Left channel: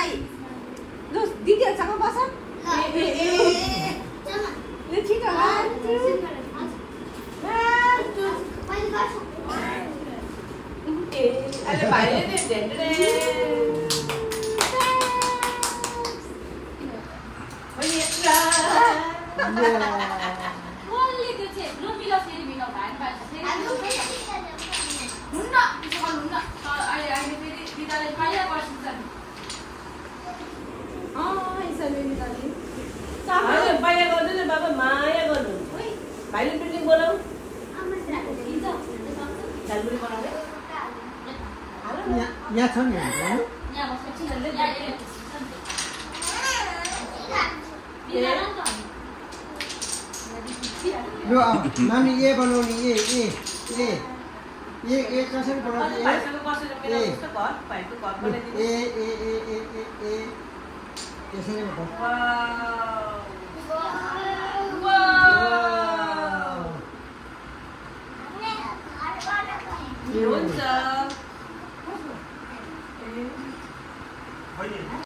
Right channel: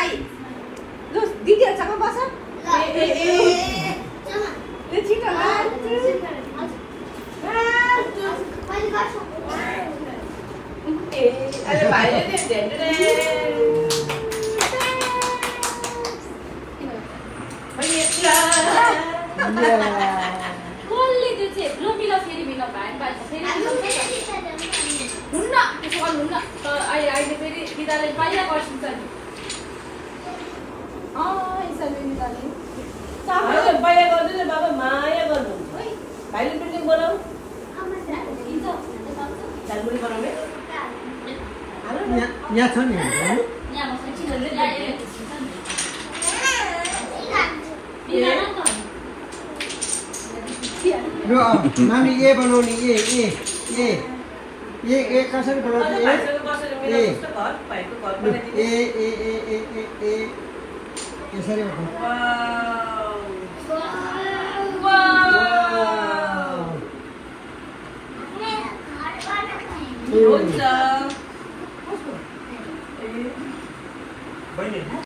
दाई लु दिदीहरुसँग बस ए ठिक होला अरे भाइले नि धेरै कसले त्यो चाहिँ लोकीला फेरि बिना भाइ भाइ फेरि हुन्न त्यसो गर्नुहुन्न अहिले फेरि बिदाले पाइया गर्छिन्छ नि यसरी निकाल्ने अहिले पाइया गर्दैन बाबा माया गर्नु भाइले बिल्डिङ बनाऊ झालमुरी बनाउने यहाँ छ नि नानी ये बनाउने ये कसरी बनाउने यसरी हुन्छ